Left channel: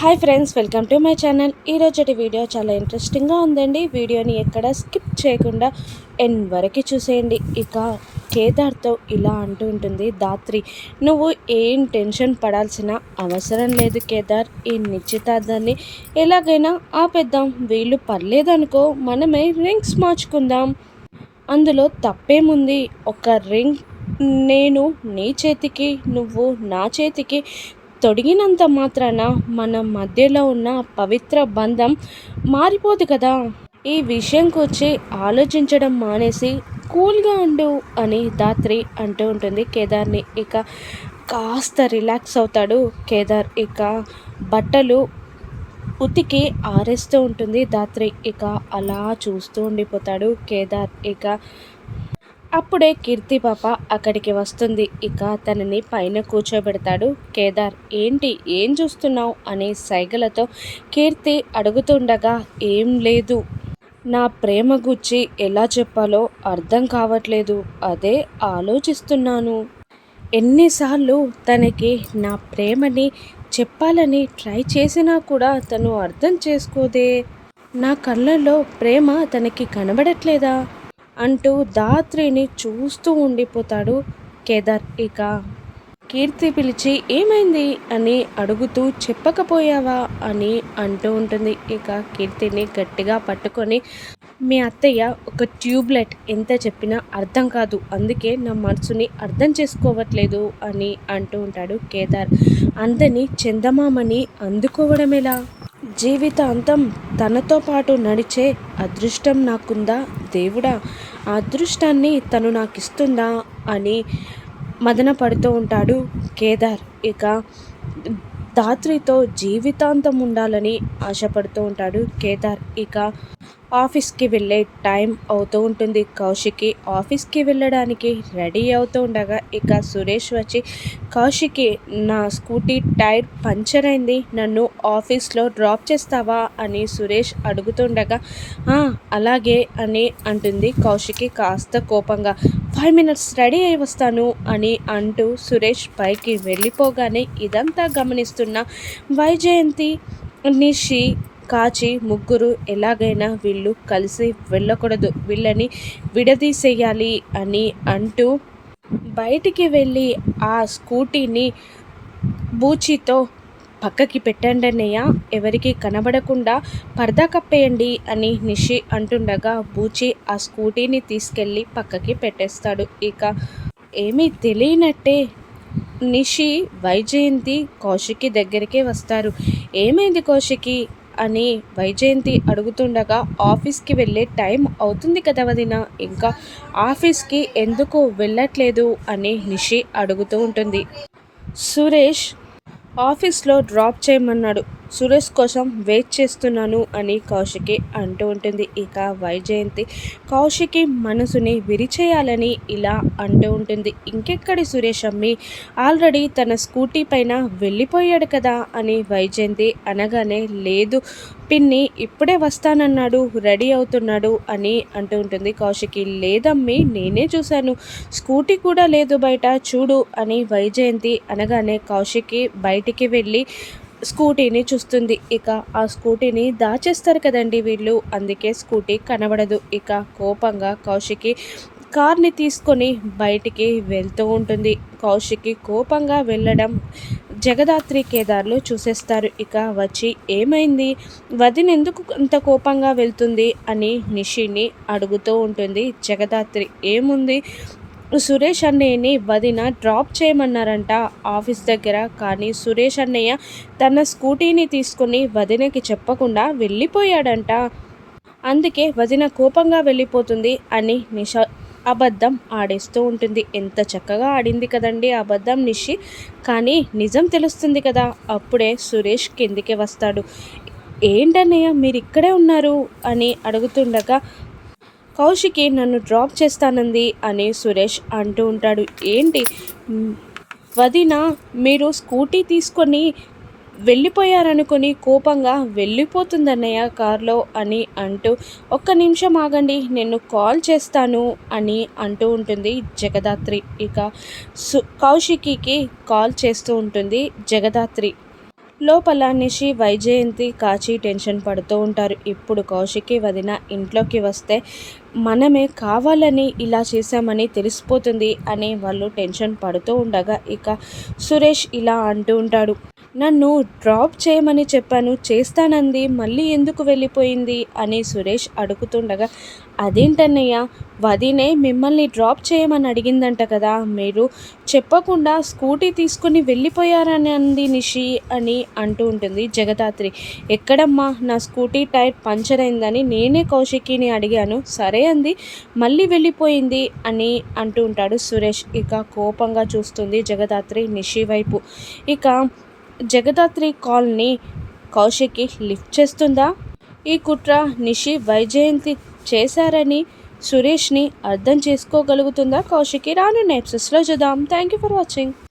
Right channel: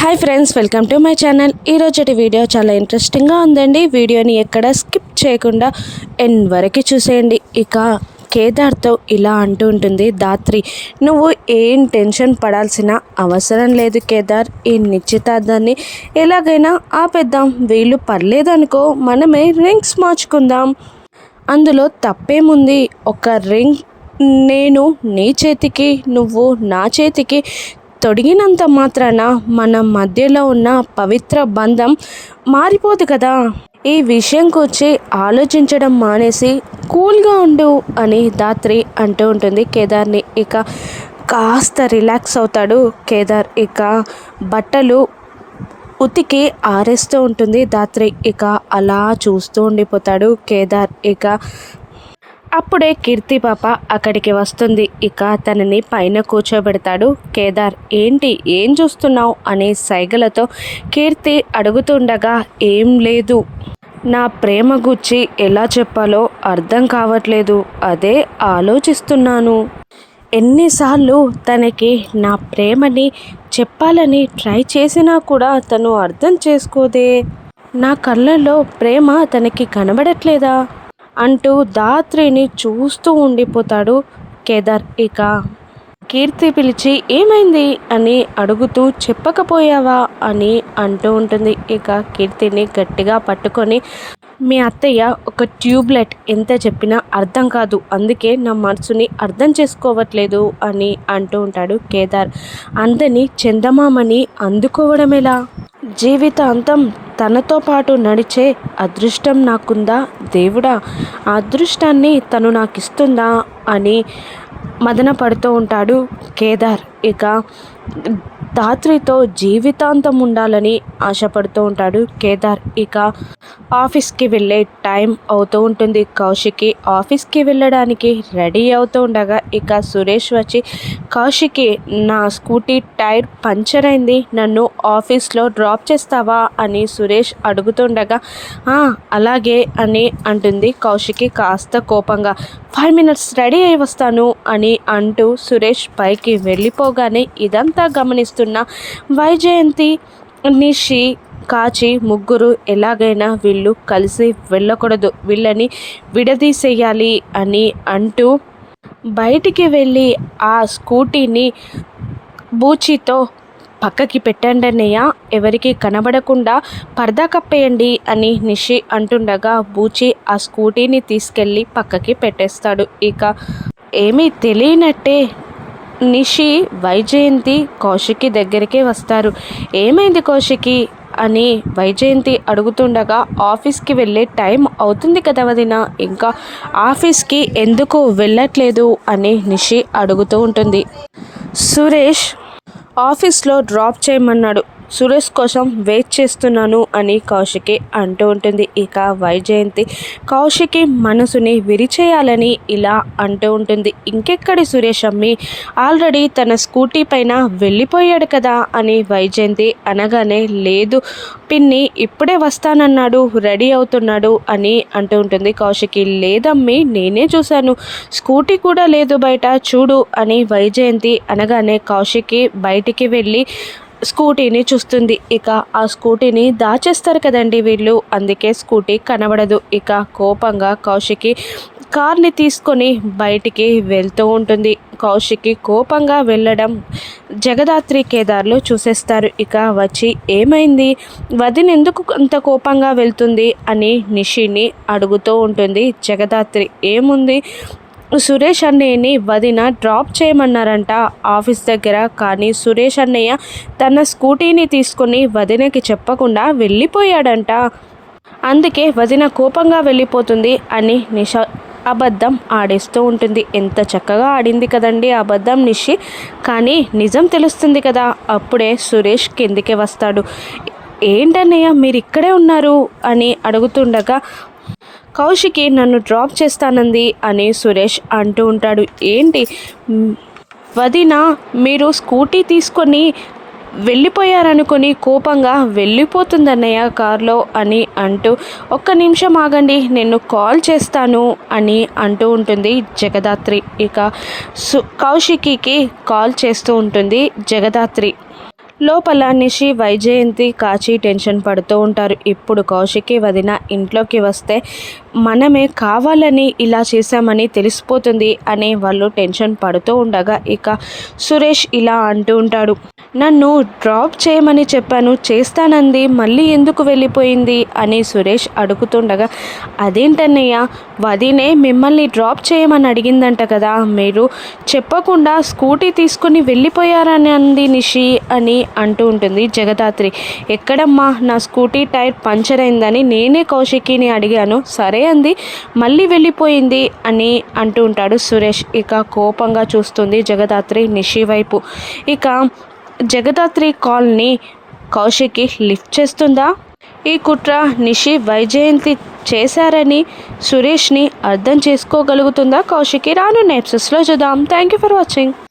Hi friends welcome to my channel ఈరోజుటి video చాలా ఇంట్రెస్టింగ్గా ఉందండి. వీడియోని ఎక్కడ స్కిప్ చేయకుండా ఎన్ వరకు చూసేయండి. ఇక కేదార్తో ఇలా అంటూ ఉంటుంది దాత్రి నువ్వు ఏం టెన్షన్ పడాల్సిన అవసరం లేదు కేదార్. ఈ నిశ్చితార్థాన్ని ఎలాగైనా ఆపేద్దాం. వీళ్ళు పర్లేదనుకో మనమే రింగ్స్ మార్చుకుందాం. అందులో తప్పేముంది? ఒక రింగ్ నేను నీ చేతికి నువ్వు నా చేతికి తొడిగినంత మాత్రాన మన మధ్యలో ఉన్న పవిత్ర బంధం మారిపోదు కదా. ఈ విషయం గురించి ఆలోచించడం మానేసి కూల్గా ఉండు అని దాత్రి అంటూ ఉంటుంది కేదార్ని. ఇక కాస్త రిలాక్స్ అవుతాడు కేదార్. ఇక బట్టలు ఉతికి ఆరేస్తూ ఉంటుంది దాత్రి. ఇక అలా చూస్తూ ఉండిపోతాడు కేదార్. ఇక అప్పుడే కీర్తి పాప అక్కడికి వస్తుంది. ఇక తనని పైన కూర్చోబెడతాడు. కేదార్ ఏంటి? ఏం చూస్తున్నావు? అనే సైగలతో కీర్తి అడుగుతుండగా ఏం లేదు. నా ప్రేమ గుచ్చి ఎలా చెప్పాలో అర్థం కావట్లేదు. అదే ఆలోచిస్తున్నాను. ఎన్నిసార్లు తనకి నా ప్రేమని చెప్పాలని ట్రై చేసినా కూడా తను అర్థం చేసుకోదే. నా కళ్ళల్లో ప్రేమ తనకి కనబడట్లేదా? అంటూ దాత్రిని చూస్తూ ఉండిపోతాడు కేదార్. ఇక కీర్తి పిలిచి ఏమైంది? అని అడుగుతూ చెప్పకపోయావా? అని అంటూ ఉంటుంది. ఇక కీర్తిని గట్టిగా పట్టుకొని మీ అత్తయ్య ఒక ట్యూబ్లెట్ ఎంత చెప్పినా అర్థం కాదు. అందుకే నా మనసుని అర్థం చేసుకోవట్లేదు అని అంటూ ఉంటాడు కేదార్. అందని చందమామని అందుకోవడం ఎలా జీవితాంతం తనతో పాటు నడిచే అదృష్టం నాకుందా? దేవుడా ఆ అదృష్టాన్ని తను నాకు ఇస్తుందా అని మదన పడుతూ ఉంటాడు కేదార్. ఇక ధాత్రితో జీవితాంతం ఉండాలని ఆశపడుతూ ఉంటాడు కేదార్. ఇక ఆఫీస్కి వెళ్ళే టైం అవుతూ ఉంటుంది. కౌశికి ఆఫీస్కి వెళ్ళడానికి రెడీ అవుతూ ఉండగా ఇక సురేష్ వచ్చి కౌశికి నా స్కూటీ టైర్ పంచర్ అయింది. నన్ను ఆఫీస్లో డ్రాప్ చేస్తావా? అని సురేష్ అడుగుతుండగా అలాగే అని అంటుంది కౌశికి కాస్త కోపంగా. ఫైవ్ మినిట్స్ రెడీ అయి వస్తాను అని అంటూ సురేష్ పైకి వెళ్ళిపోగానే ఇదంతా గమనిస్తున్న వైజయంతి నిషి కాచి ముగ్గురు ఎలాగైనా వీళ్ళు కలిసి వెళ్ళకూడదు. వీళ్ళని విడదీసేయాలి అని అంటూ బయటికి వెళ్ళి ఆ స్కూటీని బూచితో పక్కకి పెట్టండి అన్నయ్య. ఎవరికి కనబడకుండా పరదా కప్పేయండి అని నిషి అంటుండగా బూచి ఆ స్కూటీని తీసుకెళ్ళి పక్కకి పెట్టేస్తాడు. ఇక ఏమీ తెలియనట్టే నిషి వైజయంతి కౌశికి దగ్గరికే వస్తారు. ఏమైంది కౌశికి? అని వైజయంతి అడుగుతుండగా ఆఫీస్కి వెళ్ళే టైం అవుతుంది కదా వదిన. ఇంకా ఆఫీస్కి ఎందుకు వెళ్ళట్లేదు అని నిషి అడుగుతూ ఉంటుంది. సురేష్ ఆఫీస్లో డ్రాప్ చేయమన్నాడు. సురేష్ కోసం వెయిట్ చేస్తున్నాను అని కౌశికి అంటూ ఉంటుంది. ఇక వైజయంతి కౌశికి మనసుని విరిచేయాలని ఇలా అంటూ ఉంటుంది. ఇంకెక్కడి సురేష్ అమ్మి? ఆల్రెడీ తన స్కూటీ పైన వెళ్ళిపోయాడు కదా అని వైజయంతి అనగానే లేదు పిన్ని ఇప్పుడే వస్తానన్నాడు రెడీ అవుతున్నాడు అని అంటూ ఉంటుంది కౌశికి. లేదమ్మి నేనే చూశాను. స్కూటీ కూడా లేదు బయట చూడు అని వైజయంతి అనగానే కౌశికి బయటికి వెళ్ళి స్కూటీని చూస్తుంది. ఇక ఆ స్కూటీని దాచేస్తారు కదండి వీళ్ళు. అందుకే స్కూటీ కనబడదు. ఇక కోపంగా కౌశికి కార్ని తీసుకొని బయటికి వెళ్తూ ఉంటుంది. కౌశికి కోపంగా వెళ్ళడం జగదాత్రి కేదార్లు చూసేస్తారు. ఇక వచ్చి ఏమైంది? వదిన ఎందుకు అంత కోపంగా వెళ్తుంది? అని నిషిని అడుగుతూ ఉంటుంది జగదాత్రి. ఏముంది? సురేష్ అన్నయ్యని వదిన డ్రాప్ చేయమన్నారంట ఆఫీస్ దగ్గర. కానీ సురేష్ అన్నయ్య తన స్కూటీని తీసుకుని వదినకి చెప్పకుండా వెళ్ళిపోయాడంట. అందుకే వదిన కోపంగా వెళ్ళిపోతుంది అని నిష అబద్ధం ఆడేస్తూ ఉంటుంది. ఎంత చక్కగా ఆడింది కదండి అబద్ధం నిషి. కానీ నిజం తెలుస్తుంది కదా అప్పుడే సురేష్ కిందికి వస్తాడు. ఏంటన్నయ్య మీరు ఇక్కడే ఉన్నారు? అని అడుగుతుండగా కౌశికి నన్ను డ్రాప్ చేస్తానంది అని సురేష్ అంటూ ఉంటాడు. ఏంటి? వదిన మీరు స్కూటీ తీసుకొని వెళ్ళిపోయారనుకొని కోపంగా వెళ్ళిపోతుందన్నయ్య కారులో అని అంటూ ఒక్క నిమిషం ఆగండి నేను కాల్ చేస్తాను అని అంటూ ఉంటుంది జగదాత్రి. ఇక సు కౌశికి కాల్ చేస్తూ ఉంటుంది జగదాత్రి. లోపల నిషి వైజయంతి కాచి టెన్షన్ పడుతూ ఉంటారు. ఇప్పుడు కౌశికి వదిన ఇంట్లోకి వస్తే మనమే కావాలని ఇలా చేశామని తెలిసిపోతుంది అని వాళ్ళు టెన్షన్ పడుతూ ఉండగా ఇక సురేష్ ఇలా అంటూ ఉంటాడు. నన్ను డ్రాప్ చేయమని చెప్పాను చేస్తానంది మళ్ళీ ఎందుకు వెళ్ళిపోయింది అని సురేష్ అడుగుతుండగా అదేంటన్నయ్య వదినే మిమ్మల్ని డ్రాప్ చేయమని అడిగిందంట కదా మీరు చెప్పకుండా స్కూటీ తీసుకుని వెళ్ళిపోయారని అంది నిషి అని అంటూ ఉంటుంది జగదాత్రి. ఎక్కడమ్మా నా స్కూటీ టైర్ పంచర్ అయిందని నేనే కౌశికిని అడిగాను సరే అంది మళ్ళీ వెళ్ళిపోయింది అని అంటూ ఉంటాడు సురేష్. ఇక కోపంగా చూస్తుంది జగదాత్రి నిషి వైపు. ఇక జగదాత్రి కాల్ని కౌశికి లిఫ్ట్ చేస్తుందా? ఈ కుట్ర నిషి వైజయంతి చేశారని సురేష్ని అర్థం చేసుకోగలుగుతుందా? కౌశికి రాను నెప్సెస్లో చూద్దాం. Thank you for watching.